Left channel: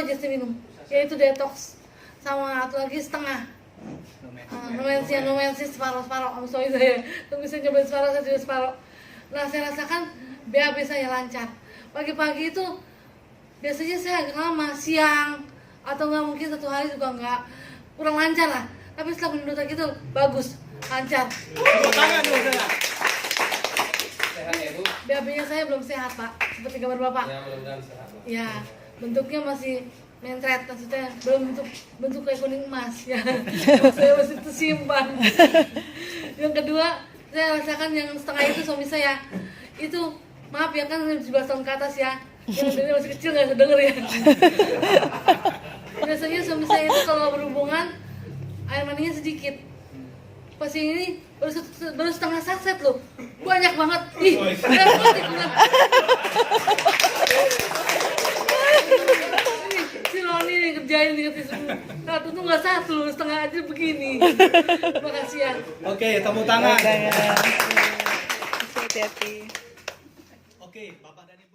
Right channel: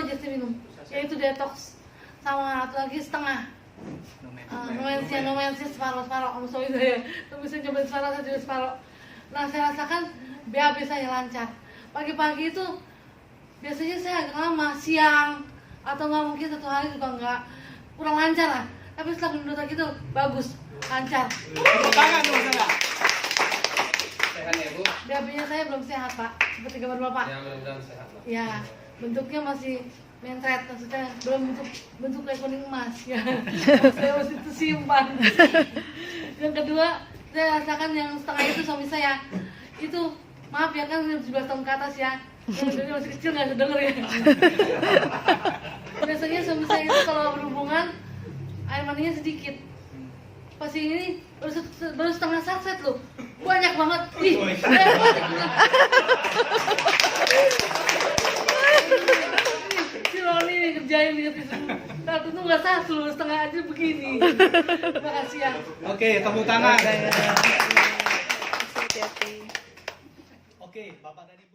aja sih minum, yaitu detox sama satu lagi setengah. Numensia separuh kamu soal saya, kamu bisa cobain separuh, saya juga separuh. Nah saya rasakan BAB saya lancar. Pagi-pagi itu biasanya saya agak lama, siang atau nggak mungkin satu hari juga nggak, kurang lancar lah. Tapi setelah minum detox itu bagus, lancar. Sehat ya Bu? BAB-nya saya belum sehat Pak, seperti kabar Bapak. Ya mudah-mudahan sehat Pak. Ya, bentuknya masih mentret, maksudnya belum bentuk kayak kuning emas ya. Saya masih tersimpan. Yang kedua, saya rasakan yang setengah itu suami saya. Itu maaf ya kan 17 tahun ke atas ya. Yang dia masih kecil nggak denger ya. Biasanya suami saya itu kalau berhubungan air maninya sedikit. Pas ini baru setengah saset loh, banyak banget. Ih, banyak banget. Si Roni kerjain di semua. Satu tuh nggak satu, setengah aja begini. Terima kasih ya. Oke, tepuk tangan. Hati-hati. Oke, Bapak tadi